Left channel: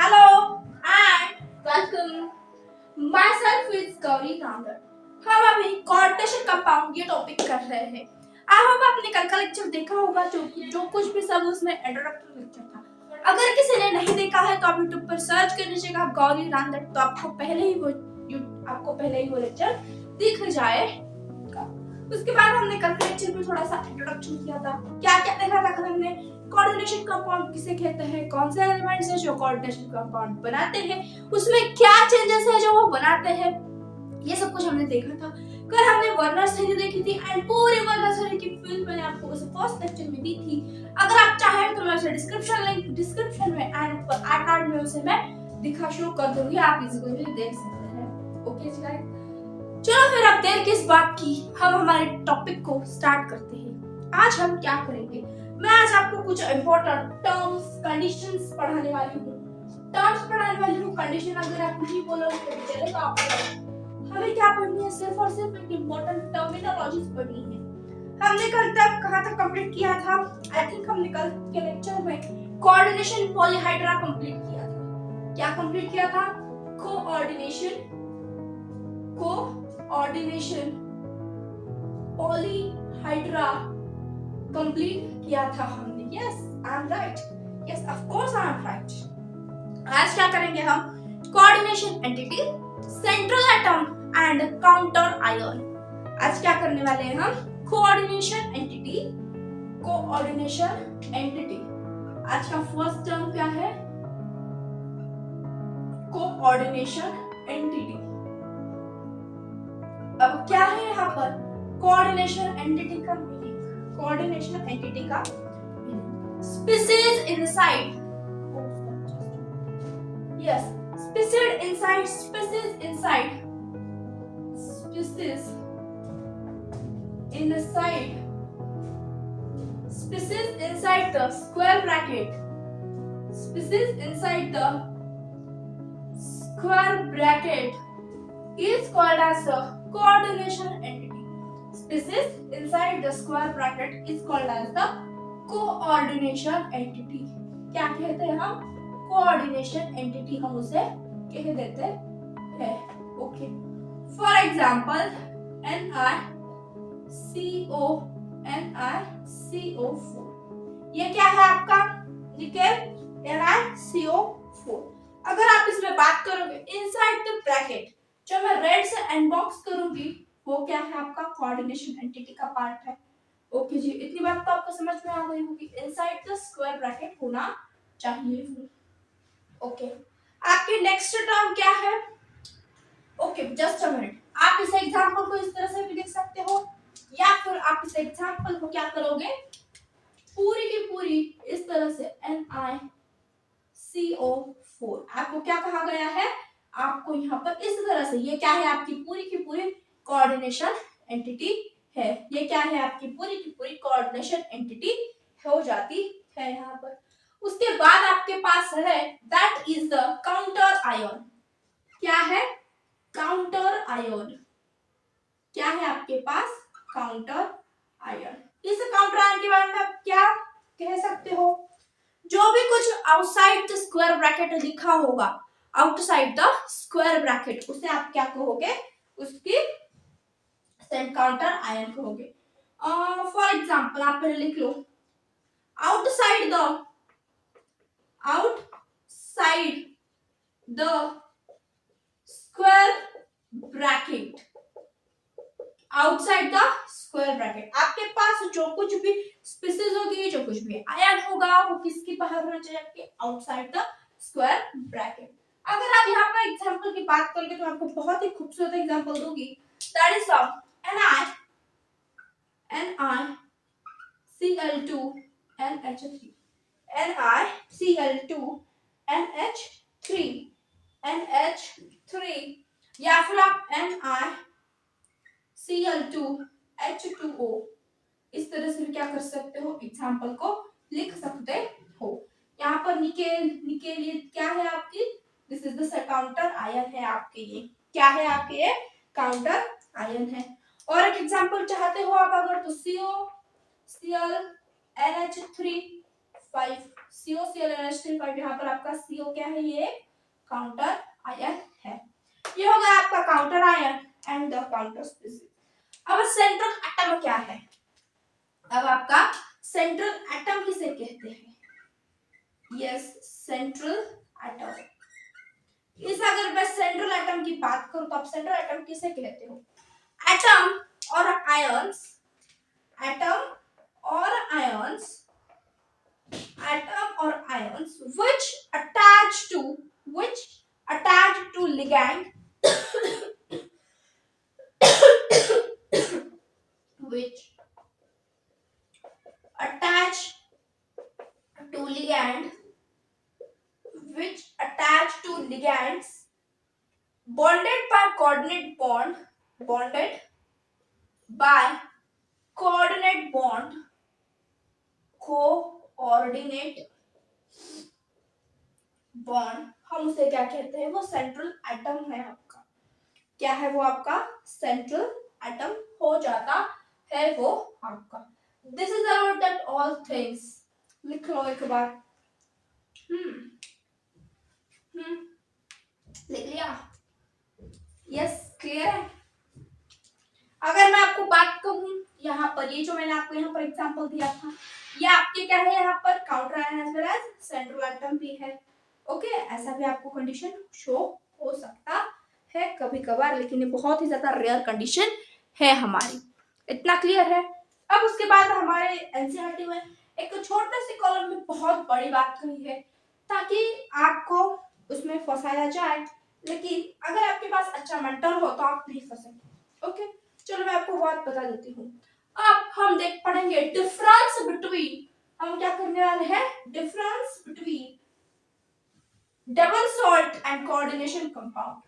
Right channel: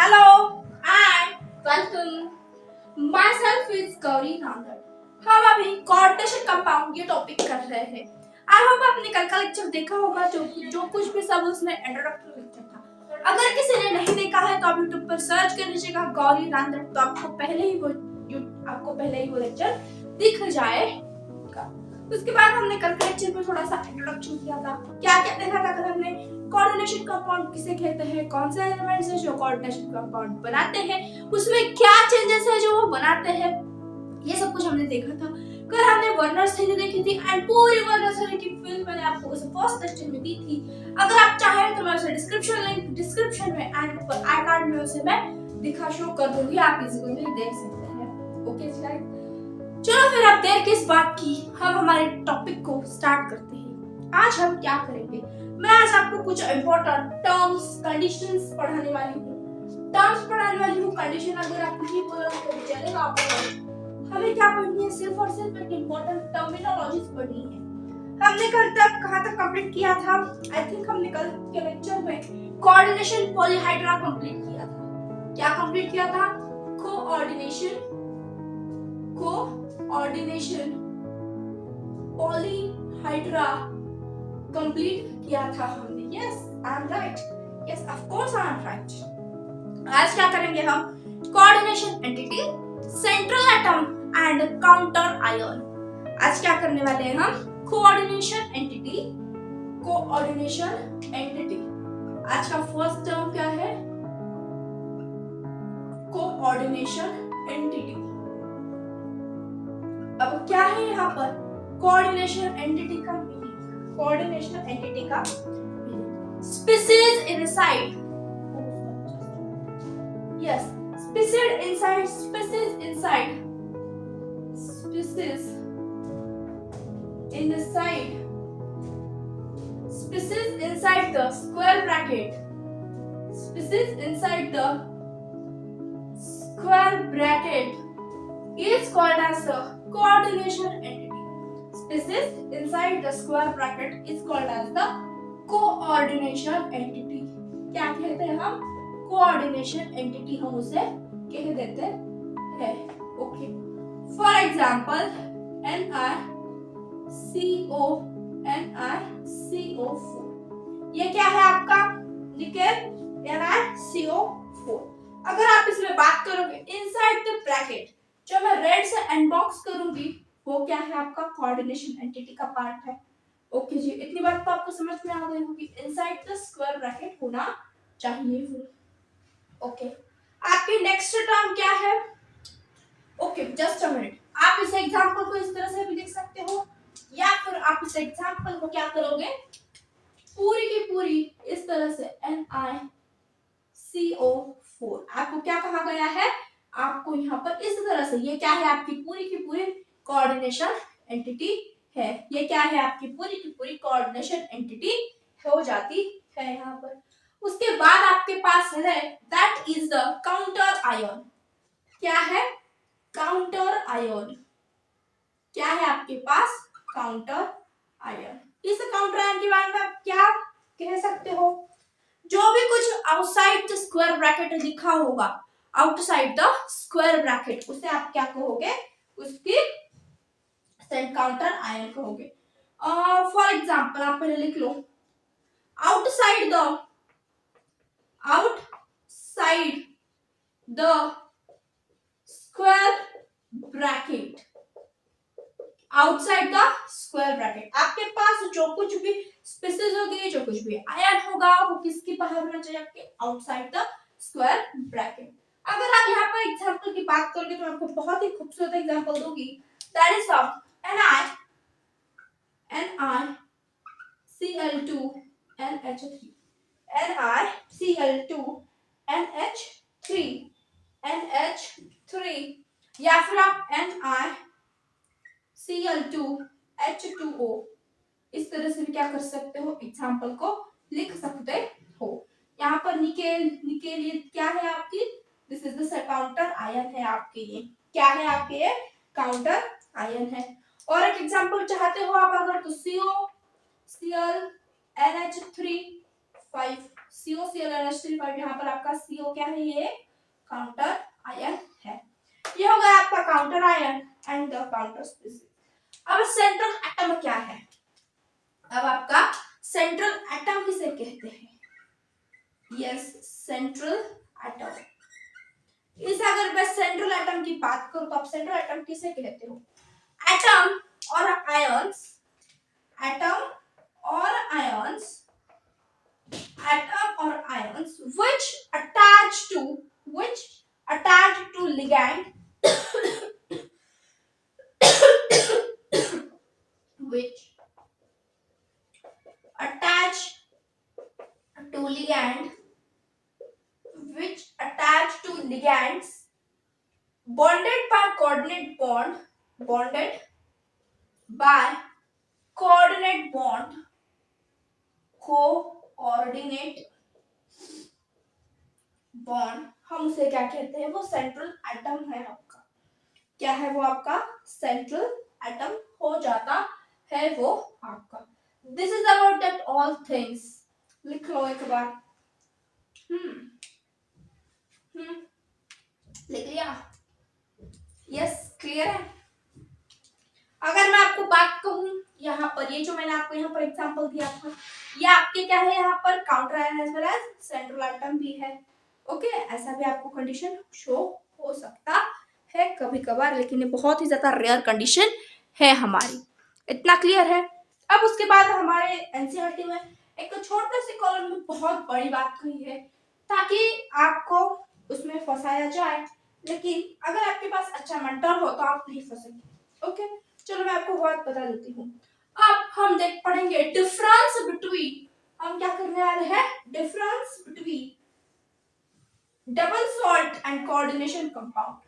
Hello and welcome. Myself is Gauri Nandar. हम अभी coordination compound ये टॉपिक कर रहे हैं। आई होप आपने कल का लेक्चर देखा होगा जो कुछ भी सब उसमें इंट्रोडक्टरी लेक्चर था। अगर किसी ने नहीं देखा है तो आप YouTube पर सर्च कर लीजिएगा गौरी नांदर, तो आपको पहले ही वो लेक्चर दिख जाएगा। उसके बाद हमने कल के लेक्चर में थोड़ा सा इंट्रोडक्शन किया था। क्या क्या देखा था कल हमने? कोऑर्डिनेशन कंपाउंड किसे कहते हैं, कौन से एलिमेंट्स हैं जो कोऑर्डिनेशन कंपाउंड बनाते हैं, उसमें क्या चेंजेस है जो वो बनाते हैं, ये सब कुछ हमने देखा था। कल हमने वर्नर्स थ्योरी देखी थी एंड पूरी वर्नर्स थ्योरी की फिल्म मैंने आपको उस फर्स्ट लेक्चर में दी थी। अगर आप चाहें तो मैं उसे डिस्क्रिप्शन में एंड ऊपर आई कार्ड में उसे मैं दिखा शो कर दूंगी, आप इजीली देख सकते हैं। Okay slide. चलो फिर अब देर किस बात की, हम हमारे टॉपिक को स्टार्ट करते हैं। आज हम क्या करेंगे, मैं आज आपको कुछ इंपॉर्टेंट टर्म्स कंडीशंस पढ़ाने वाली हूँ। कंडीशन अगर आप नहीं बोलोगे तो चलेगा। आपको हमें क्या पढ़नी है, सिर्फ और सिर्फ एक इंपॉर्टेंट टर्मिनोलॉजीज पढ़नी है। हमने कल तक कहाँ तक कंप्लीट किया था? आई थिंक हमने कल के लेक्चर में कोऑर्डिनेशन पॉलीहाइड्रा कंप्लीट किया था। क्या कंप्लीट किया था? कोऑर्डिनेशन पॉलीहाइड्रा कंप्लीट किया था हमने। Yes I am right, yes of course I am right. आज क्या करेंगे हम? Coordination entity, central atom and counter ion. आज क्या करने वाले हैं हम? Coordination entity. आज का फर्स्ट टर्म क्या है? Coordination entity. अब क्या है यहाँ पर? कोऑर्डिनेशन एंटिटी का species inside, yes, species inside the square bracket is called as a coordination entity. Species inside the square bracket is called as the coordination entity. क्या कहते हैं हम? coordination entity हम उसे कह देते हैं। ओके, फॉर एग्जांपल NiCO4, ये क्या है आपका? Nickel NiCO4। अगर आप इसमें बात करोगे इनसाइड द ब्रैकेट, जो मैं रेड से अनबॉक्स करूंगी वो क्या है? आपका कोऑर्डिनेशन एंटिटी का पार्ट है। ओके जी, इतनी बात तो आपको समझ में आ गई होगी। इनसाइड द स्क्वायर ब्रैकेट होना चाहिए। ओके, आपके नेक्स्ट टर्म क्या है? ओके जस्ट अ मिनट, आप इस एग्जांपल को इस तरह से भी लिख सकते हो, या फिर आप इस एग्जांपल को क्या करोगे, पूरी की पूरी इस तरह से NiCO4। आपको क्या कहा गया है? आपको यहाँ पर इस तरह से, ये क्या है? आपकी पूरी की पूरी कोऑर्डिनेशन एंटिटी है। ये क्या है? आपकी पूरी की पूरी कोऑर्डिनेशन एंटिटी हो जाती है यहाँ पर। उसके बाद आपके पास है that is the counter ion. क्या है? Counter ion. क्या है आपके पास? Counter ion. इस काउंटर आयन के बारे में आप क्या कह सकते हो? जो भी कुछ आउटसाइड द स्क्वायर ब्रैकेट लिखा होगा, आउटसाइड द स्क्वायर ब्रैकेट, उसे आप क्या कहोगे? उसकी काउंटर आयन कहोगे। फॉर एग्जांपल आप पहले लिख लो, outside the square bracket, outside the square bracket आपके पास जो कुछ भी स्पीसीज होगी, जो कुछ भी आयन होगा, वो किसके बाहर होना चाहिए? आपके आउटसाइड द स्क्वायर ब्रैकेट। अगर आप यहाँ पर एग्जांपल की बात करोगे तो आपको बहुत ही खूबसूरत एग्जांपल दूंगी, दैट इज NiCl2NH3 या फिर आप NiCl2H2O इस तरह से क्या कर सकते हो? एग्जांपल को लिख सकते हो। यहाँ पर निकेल ये क्या है आपकी? This is the counter ion है आपके। ये क्या है आपके? ये काउंटर आयन है। और एक एग्जांपल चाहते हो आप अगर, तो CO Cl NH3 5 COCl यहाँ पर आपका CO क्या है, ये काउंटर आयन है। ये हो गया आपका counter ion and the counter species. अब सेंट्रल एटम क्या है? अब आपका सेंट्रल एटम किसे कहते हैं? Yes, central atom. इस अगर मैं सेंट्रल एटम की बात करूं तो आप सेंट्रल एटम किसे कहते हो? एटम और आयंस, एटम और ions, atom or ions which attach to ligand which attach to ligand which attach to ligands bonded by coordinate bond, bonded by coordinate bond, coordinate bond, हम उसे क्या कहते हैं? वो सेंट्रल एटम है आपका। क्या है वो आपका? सेंट्रल एटम हो जाता है वो आपका। This is about that all things. लिख लो एक बार। लिख लिया? यस, क्लियर है? अगर मैं आपको बात कहूं यहाँ पर, ये जो मैंने आपको यहाँ पर एग्जांपल दिया था, ये आपके क्या है? यहाँ पर counter ion as well as central atom भी है। ओके, ऐसा भी आपको कंडीशन शो हो सकता है कभी कभार, लेकिन ये बहुत ही ज्यादा रेयर कंडीशन है हमारी। इतना क्लियर है? अब उसके बाद हमारे एनसीईआरटी में एक छोटे से कॉलम में बहुत बड़ी बात कही है ताकि आपको उसमें फंसाया जाए, लेकिन अगर आपके पास अच्छा मेंटर हो तो आप नहीं फंसेंगे। ओके, चलो मैं आपको बात बता देती हूँ। अब हम देख पढ़ेंगे डिफरेंस बिटवीन, हम क्या करने वाले हैं? Difference between double salt and coordination compound.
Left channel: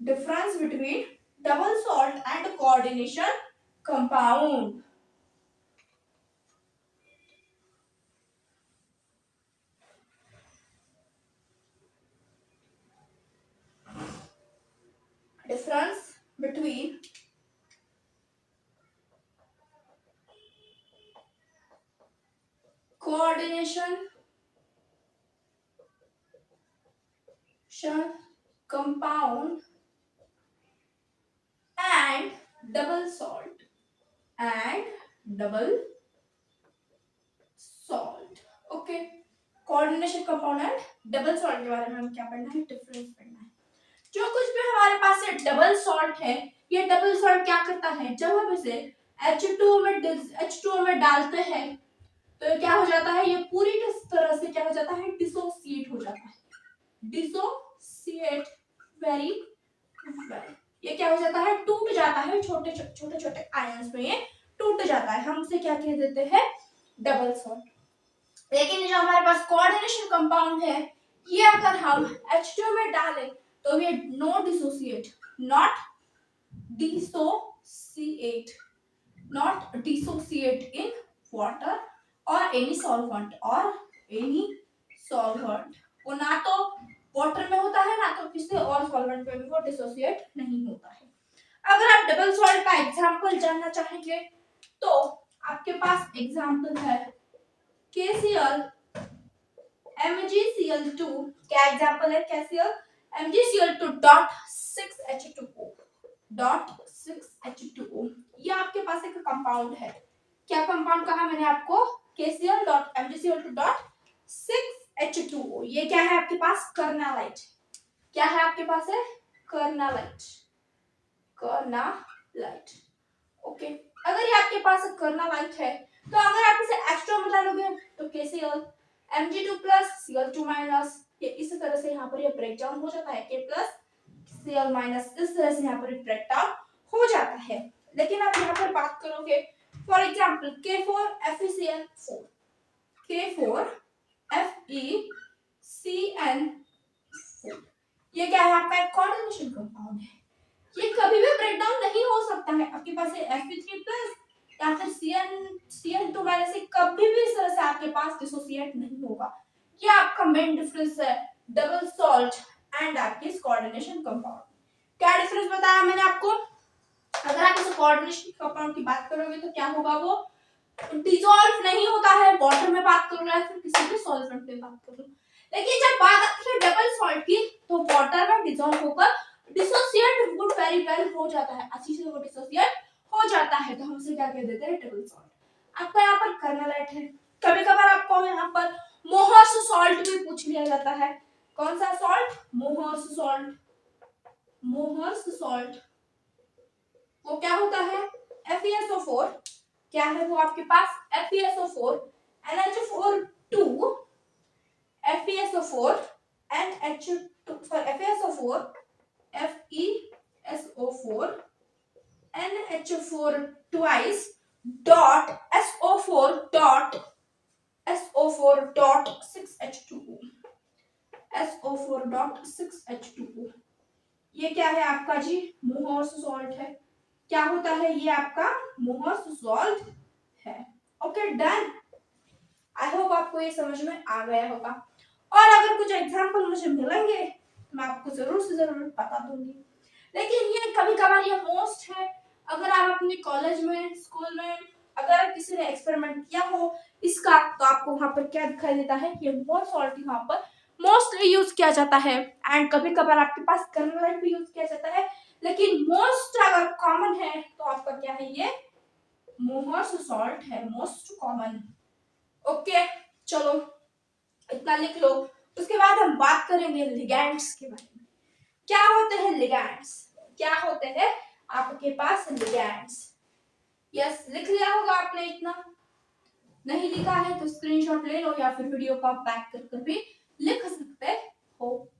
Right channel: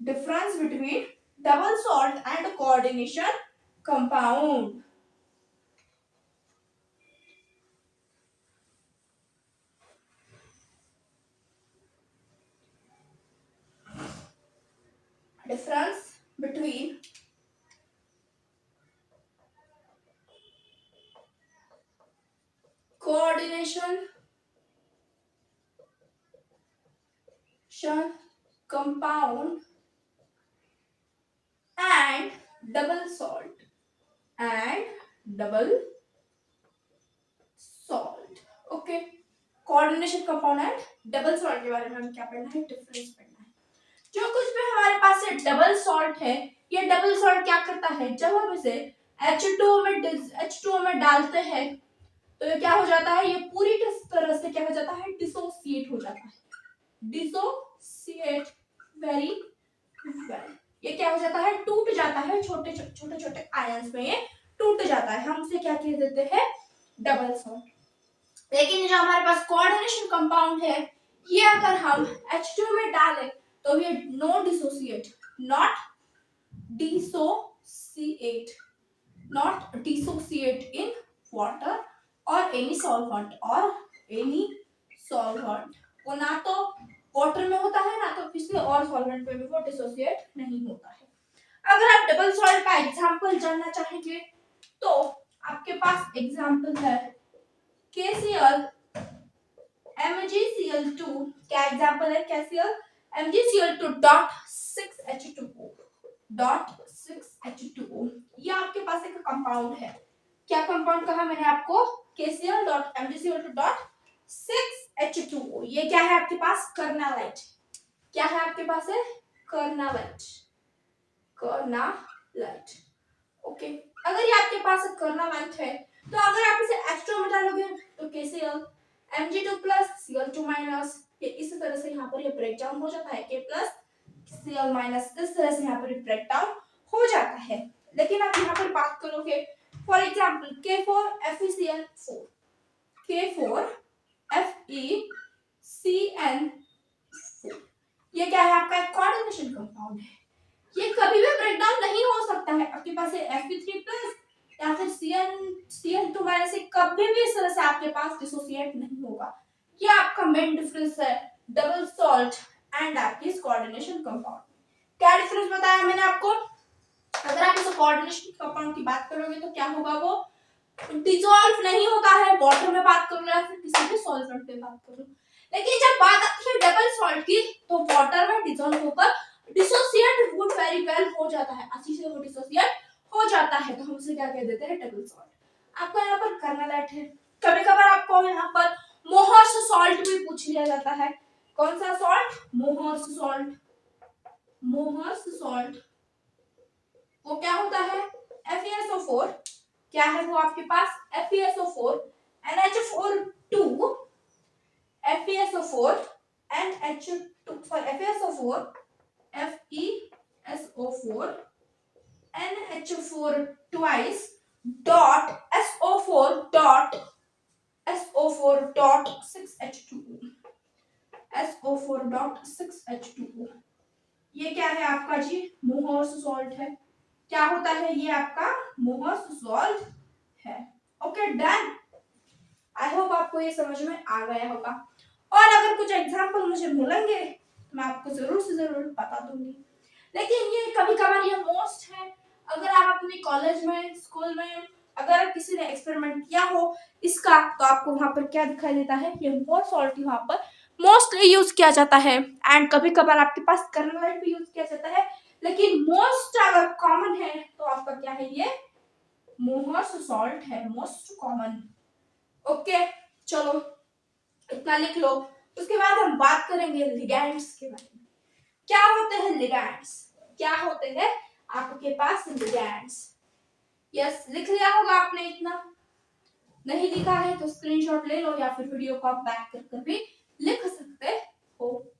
Difference between double salt and coordination compound. Difference between coordination compound and double salt okay, coordination compound and double salt के बारे में हम क्या पढ़ना है? डिफरेंस पढ़ना है। जो कुछ भी हमारे पास ये डबल सॉल्ट है, ये डबल सॉल्ट क्या करता है? जब हम इसे H2O में डालते हैं तो ये क्या हो जाता है? ये पूरी तरह से क्या हो जाता है? डिसोसिएट हो जाता है। Dissociate very well. ये क्या हो जाता है? टूट जाता है, छोटे छोटे आयंस में ये टूट जाता है। हम उसे क्या कह देते हैं? Double salt. लेकिन जो हमारे पास कोऑर्डिनेशन कंपाउंड है, ये अगर हम H2 में डालें तो ये नॉट डिसोसिएट इन वाटर और एनी सॉल्वेंट वो ना तो वाटर में होता है, ना तो किसी और सॉल्वेंट में भी वो डिसोसिएट नहीं होता है। अगर आप डबल सॉल्ट का एग्जांपल जानना चाहेंगे तो आपके पास एग्जांपल है KCl MgCl2। क्या एग्जांपल है? KCl MgCl2.6H2O ये आपके पास एक कंपाउंड है। क्या कंपाउंड कहा मैंने आपको? KCl.MgCl2.6H2O। ये क्या है आपके पास? कर्नालाइट। क्या है आपके पास? है कर्नालाइट। ओके, अगर ये आपके पास कर्नालाइट है तो अगर आप इसे H2O में डालोगे तो KCl Mg2+Cl2- ये इस तरह से यहाँ पर ये ब्रेक डाउन हो जाता है। K+Cl- इस तरह से यहाँ पर ब्रेक डाउन हो जाता है। लेकिन आप यहाँ पर बात करोगे फॉर एग्जांपल K4FeCN4, K4FeCN4 ये क्या है? आपका एक कोऑर्डिनेशन कंपाउंड है। ये कभी भी ब्रेक डाउन नहीं हो सकता है। आपके पास Fe3+ या फिर Cn2- से कभी भी इस तरह से आपके पास डिसोसिएट नहीं होगा। ये आपका मेन डिफरेंस है डबल सॉल्ट एंड आपकी कोऑर्डिनेशन कंपाउंड। क्या डिफरेंस बताया मैंने आपको? अगर आप इस कोऑर्डिनेशन कंपाउंड की बात करोगे तो क्या होगा? वो डिसॉल्व नहीं होता है वाटर में बात करो या फिर किसी भी सॉल्वेंट में बात करो। लेकिन जब बात आती है डबल सॉल्ट की तो वाटर में डिसॉल्व होकर डिसोसिएट वुड वेरी वेल हो जाता है, अच्छी से वो डिसोसिएट हो जाता है, तो हम उसे क्या कह देते हैं डबल सॉल्ट। आपको यहाँ पर करना लाइट है, कभी कभार आपको यहाँ पर मोहर्स सॉल्ट भी पूछ लिया जाता है। कौन सा salt? Mohr's salt. Mohr's salt वो क्या होता है? FeSO4 क्या है वो आपके पास? FeSO4 NH4 FeSO4 NH2 sorry FeSO4 FeSO4 NH4 twice dot SO4 dot SO4 dot 6H2O SO4 dot 6H2O ये क्या है आपका जी? मोहर्स सॉल्ट है। क्या होता है ये आपका? मोहर्स सॉल्ट है। Okay done. आई होप आपको ये समझ में आ गया होगा, और अगर कुछ एग्जांपल मुझे मिलेंगे तो मैं आपको जरूर से जरूर बता दूंगी। लेकिन ये कभी कभार ये मोस्ट है, अगर आप अपने कॉलेज में स्कूल में अगर किसी ने एक्सपेरिमेंट किया हो इसका तो आपको वहां पर क्या दिखाई देता है? ये मोस्ट सॉल्ट वहां पर मोस्टली यूज किया जाता है, एंड कभी कभार आपके पास कर्नल भी यूज किया जाता है, लेकिन मोस्ट अगर कॉमन है तो आपका क्या है? ये मोहर्स सॉल्ट है, मोस्ट कॉमन। ओके चलो इतना लिख लो। उसके बाद हम बात करेंगे लिगैंड्स के बारे में। क्या होते हैं लिगैंड्स? क्या होते हैं आपके पास लिगैंड्स? यस लिख लिया होगा आपने, इतना नहीं लिखा है तो स्क्रीनशॉट ले लो या फिर वीडियो को आप बैक कर भी लिख सकते हो।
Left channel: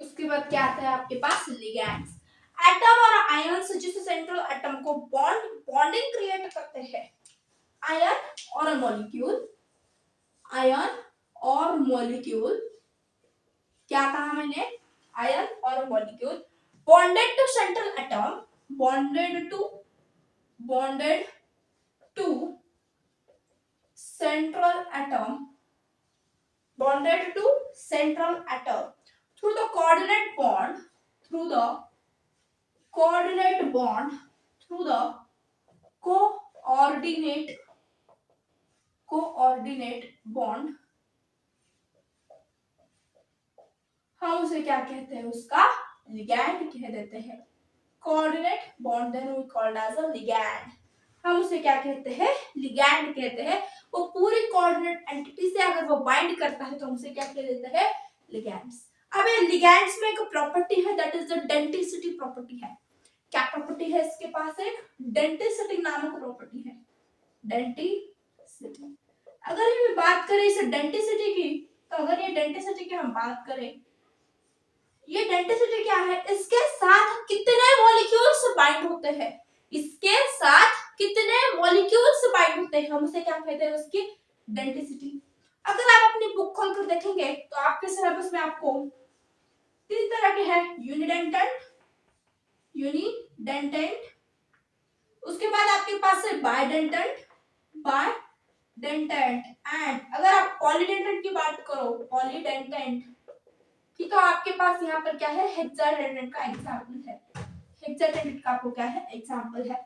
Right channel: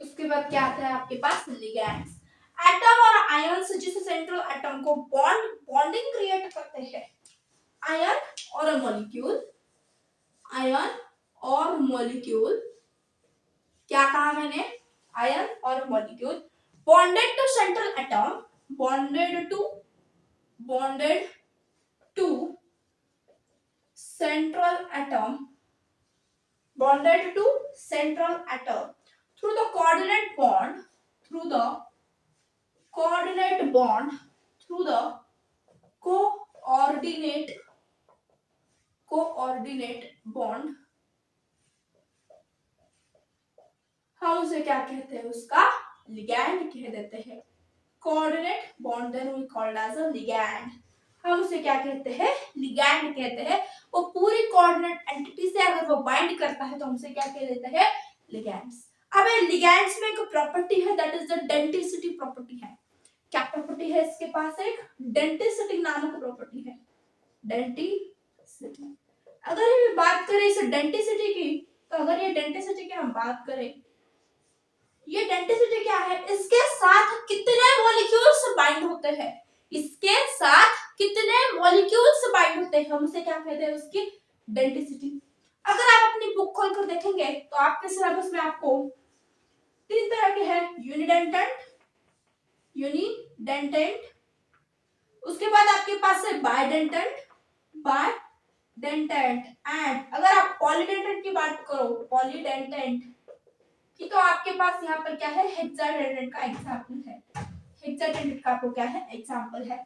उसके बाद क्या आता है आपके पास? लिगैंड्स। एटम और आयंस जिस सेंट्रल एटम को बॉन्डिंग क्रिएट करते हैं। आयन और मॉलिक्यूल, आयन और मॉलिक्यूल, क्या कहा मैंने? आयन और molecule bonded to central atom, bonded to central atom, bonded to central atom through the coordinate bond, through the coordinate bond, through the coordinate bond, हम उसे क्या कहते हैं? उसका लिगैंड कह देते हैं। Coordinate bond then we called as a ligand, हम उसे क्या कहते हैं? लिगैंड कहते हैं। वो पूरी कोऑर्डिनेट एंटिटी से अगर वो बाइंड करता है तो हम उसे क्या कह देते हैं? लिगैंड्स। अब ये लिगैंड्स में एक प्रॉपर्टी है that is the density property है। क्या प्रॉपर्टी है इसके पास? एक डेंसिटी नामक प्रॉपर्टी है, डेंसिटी। अगर ये बात करें इस डेंसिटी की, तो अगर ये डेंसिटी की हम बात करें, ये डेंसिटी क्या है? इसके साथ कितने मॉलिक्यूल्स बाइंड होते हैं, इसके साथ कितने मॉलिक्यूल्स बाइंड होते हैं, हम उसे क्या कहते हैं? उसकी डेंसिटी। अगर आप अपनी बुक खोलकर देखेंगे तो आपके सिलेबस में आपको 3 तरह के हैं, यूनिडेंटेंट, उसके बाद आपके पास है बाइडेंटेंट, एंड अगर आप पॉलीडेंटेंट की बात करो, पॉलीडेंटेंट की, तो आपके पास यहाँ पर क्या है? हेक्साडेंटेंट का एग्जांपल है, हेक्साडेंटेंट का आपको क्या है? एग्जांपल है।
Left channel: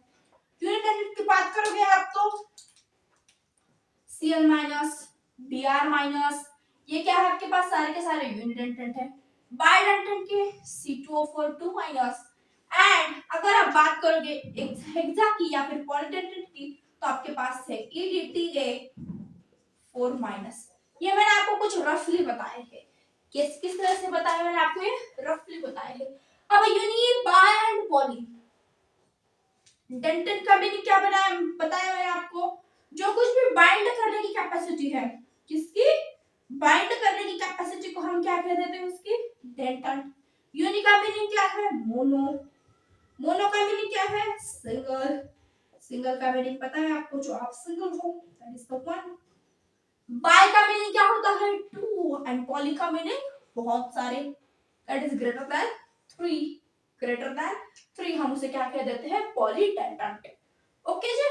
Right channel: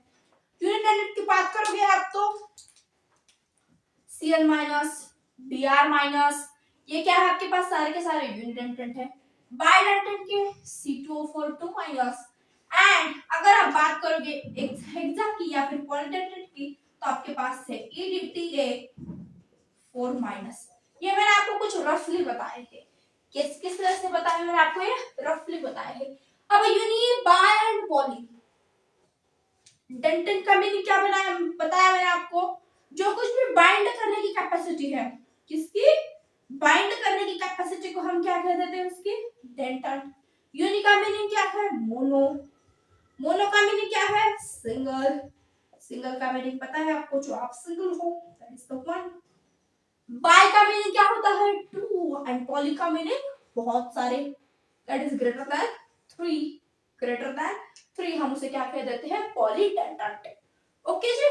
यूनिडेंटेंट की बात करोगे आप तो Cl माइनस, Br माइनस, ये क्या है आपके पास? सारे के सारे यूनिडेंटेंट है। बाइडेंटेंट की C2O4 2 माइनस, एंड अगर आप बात करोगे हेक्सा की या फिर पॉलीडेंटेंट की तो आपके पास है EDTA4 माइनस। ये मैंने आपको कुछ रफली बताए हैं, किस किस तरह से बताया मैंने आपको, ये रफली बताया है। अब यूनि, बाय एंड पॉली डेंटेंट का मीनिंग क्या बताया मैंने आपको? जो कुछ भी बाइंड करने की कैपेसिटी है, किसकी? बाइंड करने की कैपेसिटी को हम क्या कह देते हैं? उसकी डेंटेंट। यूनि का मीनिंग क्या है? मोनो, मोनो का मीनिंग क्या है? सिंगल, सिंगल का मीनिंग पता है आपको? जो आप सिंगल हो, that is the one. Bi का मीनिंग क्या होता है? टू, एंड पॉली का मीनिंग बहुत सारे, that is greater than 3। Greater than 3 हम उसे क्या कह देते हैं, पॉलीडेंटेंट। ओके जी,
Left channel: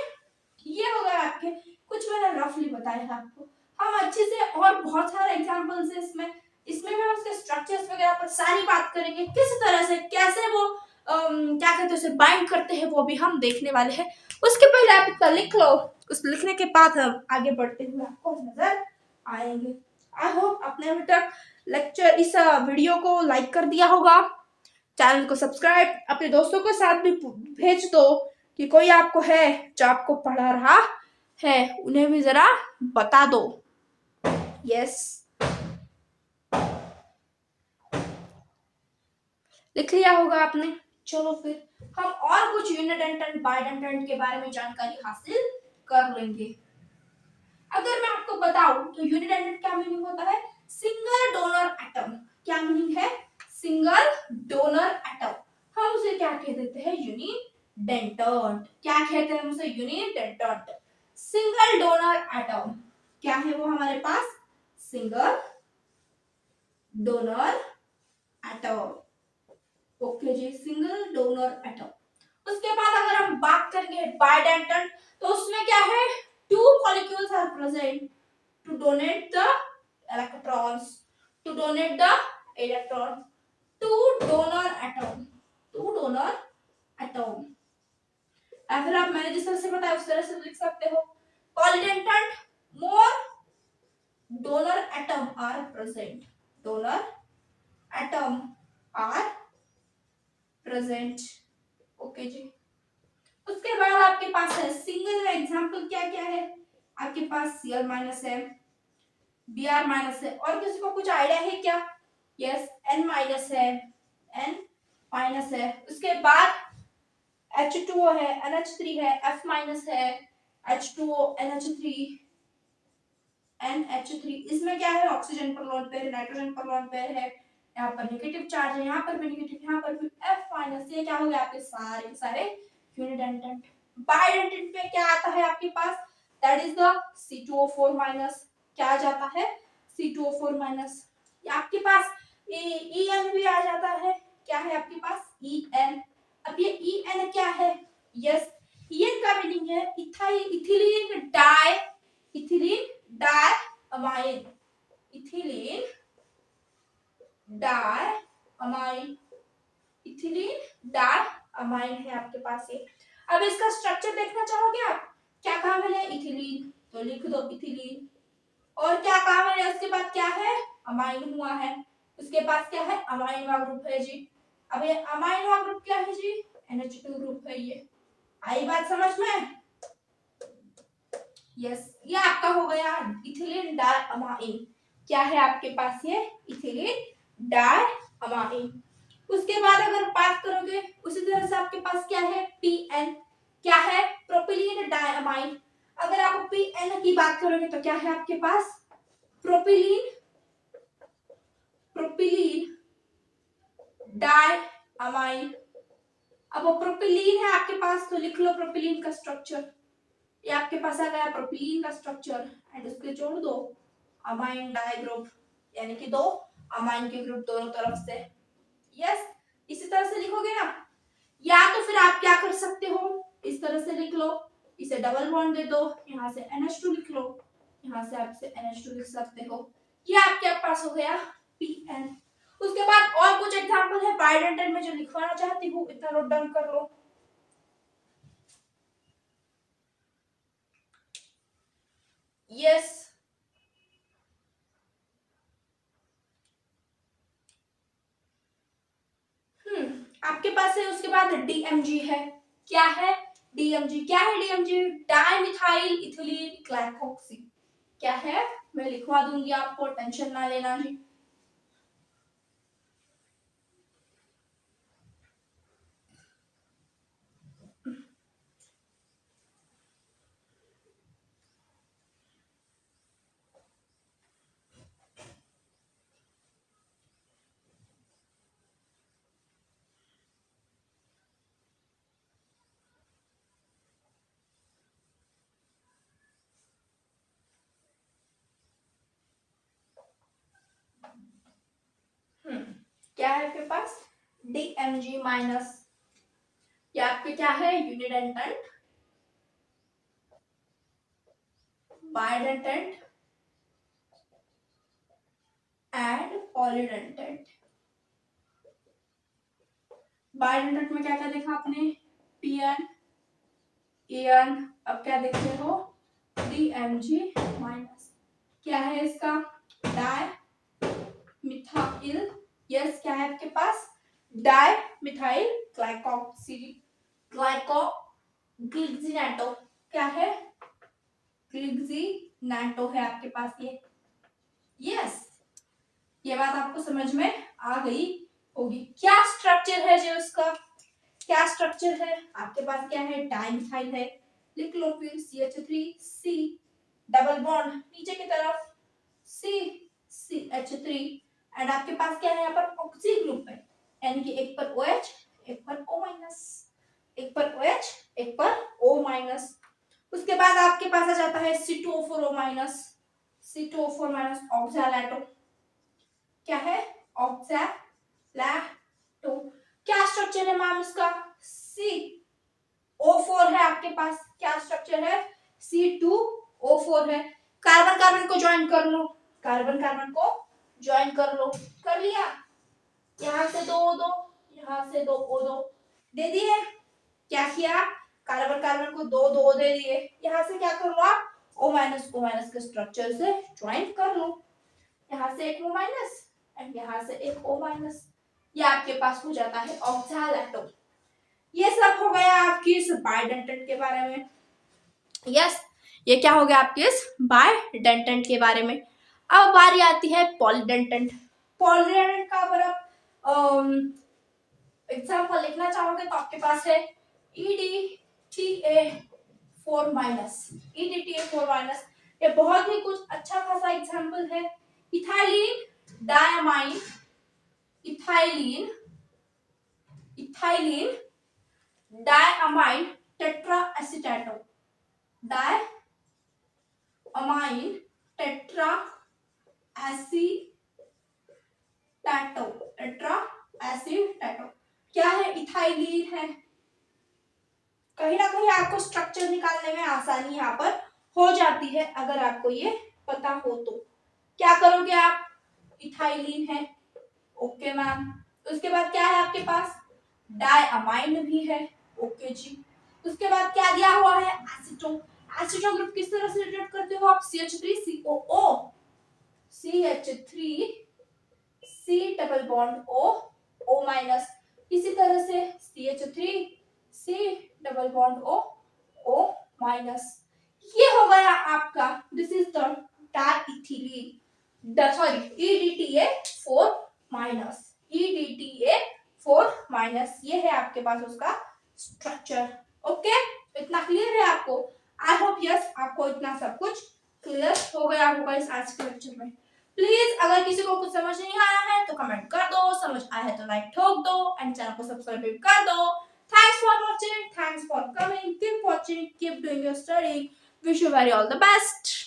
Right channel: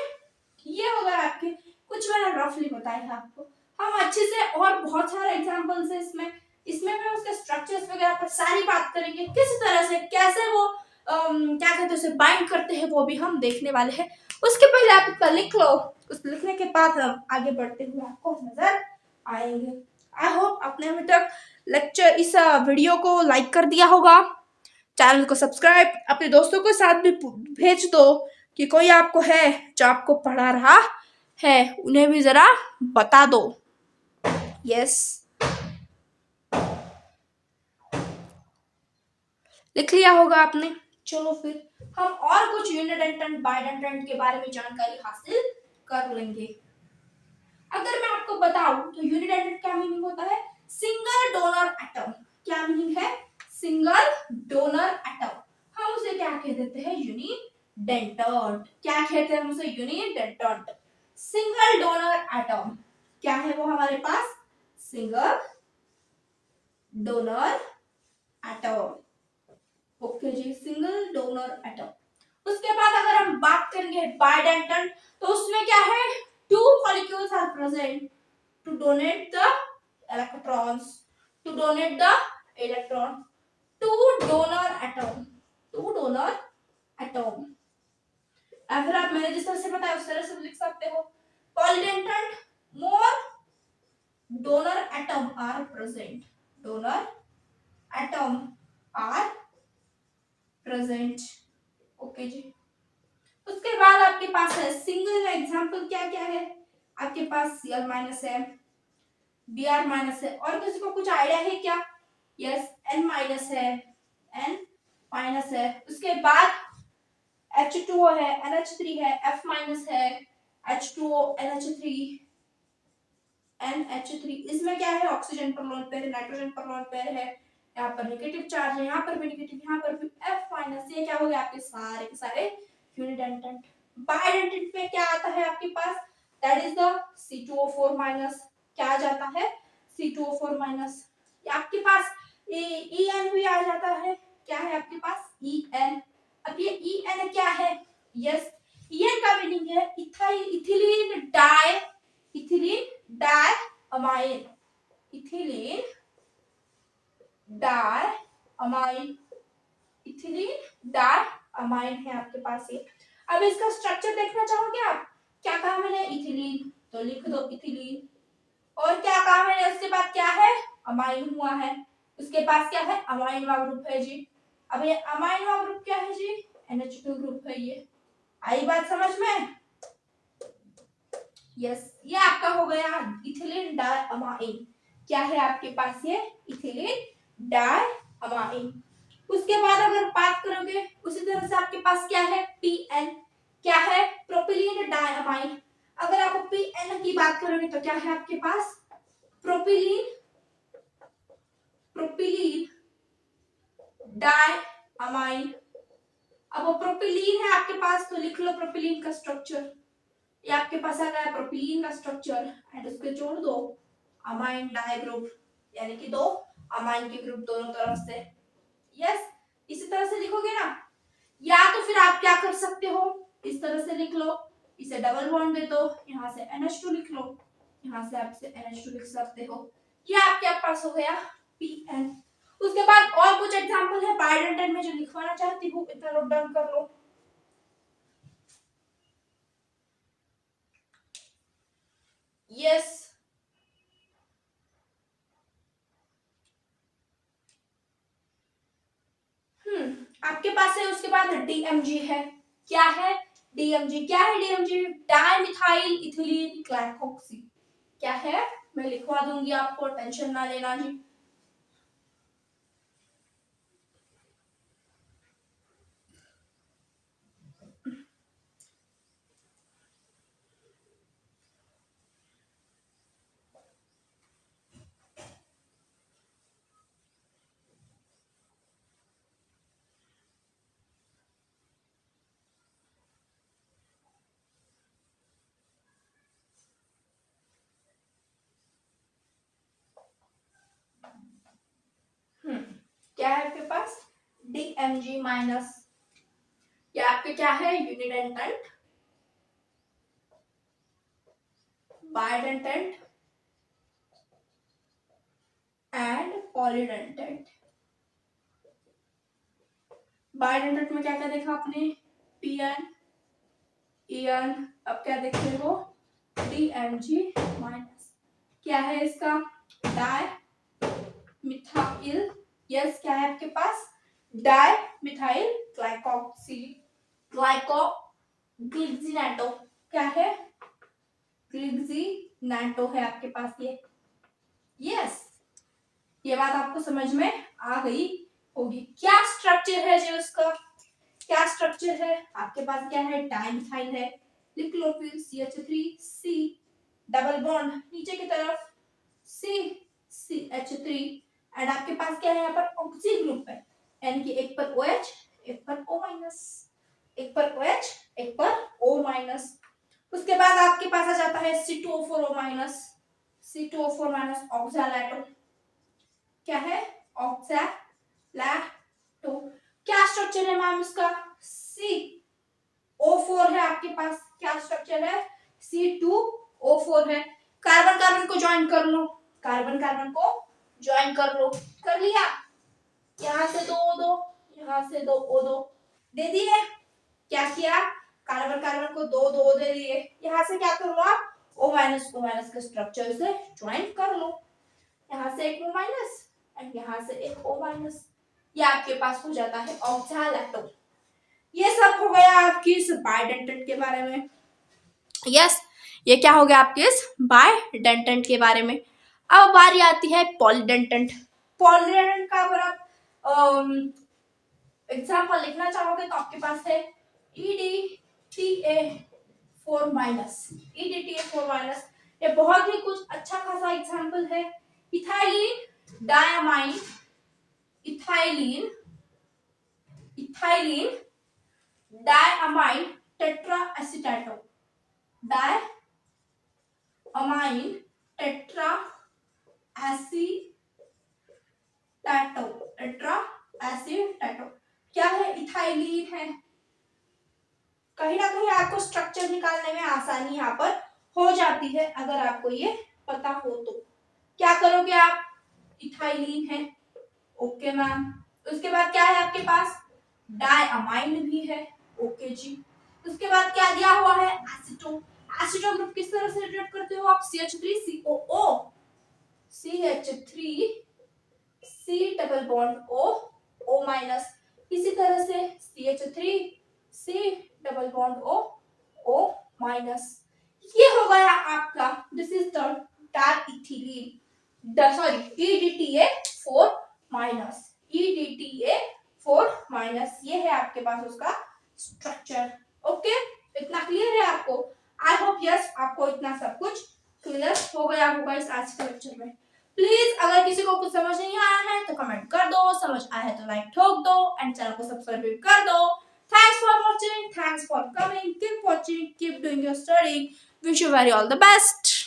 ये हो गया आपके, कुछ मैंने रफली बताया आपको। हम अच्छे से और बहुत सारे एग्जांपल्स है इसमें, मैं उसके स्ट्रक्चर्स वगैरह पर सारी बात करेंगे, किस तरह से कैसे वो क्या कहते हैं उसे बाइंड करते हैं, वो भी हम देखने वाले हैं। उसके पहले आप इसका लिख लो, उस लिखने के बाद हम आगे बढ़ते हुए आपको नजर आएंगे। आई होप आपने अभी तक लेक्चर इस वीडियो को लाइक कर दिया होगा, चैनल को सब्सक्राइब, अपने दोस्तों के साथ भी भेज दो कि कोई आपको है जो आपको पढ़ा रहा है, उन्हें भी जरा बता दो। यस, लिख लिया होगा आपने। चलो फिर हम और कुछ यूनिडेंट बाइडेंटेंट के बारे में जानकारी हासिल कर लेंगे। अगर मैं आपको बताऊं तो यूनिडेंट क्या मीनिंग होता है, सिंगल डोनर एटम। क्या मीनिंग है, सिंगल डोनर एटम। हम उसे क्या कह देते हैं, यूनिडेंट। क्या कहते हैं हम उसे, यूनिडेंट। सिंगल डोनर एटम क्या है वो हमारे पास, सिंगल डोनर एटम। ओके जी, सिंगल डोनर एटम। उसके बाद अगर हम बात करेंगे बाइडेंटेंट, तो उसमें क्या है, two molecules are present to donate the electrons, to donate the electron, two donor atom, two donor atom. अगर आप मैंने जिस तरह से बताया उस तरह से लिख सकते हो, polydentate more donor atom are present, donor atom are present. Okay जी, उसके बाद आपके पास है सिंगल में एग्जांपल क्या क्या है, आपके पास Cl माइनस है, Br माइनस है, और किसी को कुछ आइडिया है क्या, यस N माइनस है, N माइनस है। उसके बाद H2O है, NH3 है, F माइनस है, H2O, NH3, NH3। इसमें क्या है, ऑक्सीजन पर लोन पेयर, नाइट्रोजन पर लोन पेयर है, यहाँ पर नेगेटिव चार्ज है, यहाँ पर भी नेगेटिव, यहाँ पर भी F माइनस। ये क्या हो गया आपके सारे के सारे यूनिडेंटेंट। बाइडेंटेंट में क्या आता है आपके पास, that is the C2O4 minus. क्या आ जाता है, C2O4 माइनस। ये आपके पास EN भी आ जाता है, क्या है आपके पास, EN। अब ये EN क्या है, यस EN का मीनिंग है ethylene di, ethylene di amine, ethylene di amine, ethylene di amine है आपके पास ये। अब इसका स्ट्रक्चर देखना चाहोगे आप, क्या कहा मैंने, इथिलीन, तो लिख दो इथिलीन। और क्या कहा मैंने, उसके बाद क्या है, अमाइन हुआ है, उसके पास क्या है, अमाइनवा ग्रुप है जी। अब ये अमाइनवा ग्रुप क्या है जी, NH2 ग्रुप है ये। आई बात समझ में, यस ये आपका हो गया इथिलीन डाई अमाइन। क्या है आपके पास ये, इथिलीन डाई अमाइन। उसके बाद अगर बात करोगे उसी तरह से आपके पास क्या है, PN। क्या है, प्रोपिलीन डाइअमाइन। अगर आप PN की बात करोगे तो क्या है आपके पास, प्रोपिलीन, प्रोपिलीन डाइअमाइन। अब वो प्रोपिलीन है आपके पास, तो लिख लो प्रोपिलीन का स्ट्रक्चर। ये आपके पास आ गया प्रोपिलीन का स्ट्रक्चर, एंड उसके जोड़ दो अमाइन डाई ग्रुप, यानी कि दो अमाइन के ग्रुप दोनों तरफ से। यस, इसी तरह से लिखोगे ना, या तो फिर आप क्या कर सकते हो, इस तरह से लिख लो, इसे डबल बॉन्ड दे दो, यहाँ से NH2 लिख लो, यहाँ से आप इसे NH2 लिख सकते हो। ये आपके पास हो गया PN। उसके बाद और कुछ एग्जांपल है बाइडेंटेंट में जो लिखवाना चाहती हूँ, इतना नोट डाउन कर लो। यस, आपके पास है, उसके बाद DMG है। क्या है, DMG। क्या है DMG, डाइमिथाइल इथिलीन ग्लाइकोक्सी। क्या है, मैं लिखवा दूंगी आपको, टेंशन ना लेना जी। क्या है आपके पास, DMG माइनस, ये आपके क्या है, यूनिडेंटेंट, बाइडेंटेंट एंड पॉलीडेंटेंट। बाइडेंटेंट में क्या क्या देखा आपने, पीएन एन, अब क्या देखते हो, DMG माइनस, क्या है इसका, डाई मिथाइल, यस क्या है आपके पास, डाई मिथाइल ग्लाइकोक्सी ग्लाइको ग्लिक्सिनेटो, क्या है, ग्लिक्सिनेटो है आपके पास ये, यस ये बात आपको समझ में आ गई होगी। क्या स्ट्रक्चर है जो उसका, क्या स्ट्रक्चर है आपके पास, क्या है, डाइमिथाइल है, लिख लो फिर CH3C डबल बॉन्ड नीचे की तरफ CH3 एंड आपके पास क्या है, यहाँ पर ऑक्सी ग्रुप है, यानी कि एक पर OH एक पर O माइनस, एक पर OH एक पर O माइनस। उसके बाद आपके पास आ जाता है C2O4O माइनस, C2O4 माइनस ऑक्सैलेटो, क्या है, ऑक्सैलेटो। क्या स्ट्रक्चर है मैम उसका, C O4 है आपके पास, क्या स्ट्रक्चर है, C2O4 है। कार्बन कार्बन को ज्वाइन कर लो, कार्बन कार्बन को ज्वाइन कर लो, कर लिया, यहाँ से दो दो, यहाँ से दो O दो दे दिए, क्या किया, कार्बन कार्बन को दो दो दे दिए, यहाँ से क्या कर लो आप, O माइनस के स्ट्रक्चर से ज्वाइन कर लो, यहाँ से एक O माइनस एंड यहाँ से एक O माइनस, ये आपके पास हो जाता है ऑक्सैलेटो। ये सब हो गया आपकी इस बाइडेंटेंट के बारे में, यस ये क्या हो गया आपके इस बाइडेंटेंट के बारे में। अब बारी आती है पॉलीडेंटेंट। पॉलीडेंटेंट का अगर आप एग्जाम्पल लिखना चाहोगे तो आपके पास है EDTA4 माइनस, EDTA4 माइनस, ये बहुत ही कुछ अच्छा खासा एग्जाम्पल है। Ethylene diamine, ethylene ethylene diamine tetra acetato, diamine tetra acetato, tetra acetato क्या है, इथाइलिन है। कहीं ना कहीं आपको स्ट्रक्चर निकालने में आसानी यहाँ पर हो जाती है अगर आपको ये पता हो तो। क्या करोगे आप, इथाइलिन है, ओके मैम, उसके बाद क्या है आपके पास, डायमाइन भी है, ओके जी, उसके बाद क्या दिया हुआ है, एसीटो, एसीटो ग्रुप किस तरह से रिलेट करते हो आप, CH3COO, CH3C double bond O minus, इसी तरह से CH3C double bond O minus, ये हो गया आपका, this is the diethylene, sorry EDTA4 minus, EDTA4 minus, ये है आपके पास उसका स्ट्रक्चर। ओके, इतना क्लियर है आपको, आई होप यस आपको इतना सब कुछ क्लियर हो गया होगा इस आज के लेक्चर में। प्लीज अगर किसी को कुछ समझ नहीं आया है तो कमेंट कर दो, समझ आया है तो लाइक ठोक दो एंड चैनल को सब्सक्राइब कर दो। Thanks for watching, thanks for coming, keep watching, keep doing your study, wish you very all the best.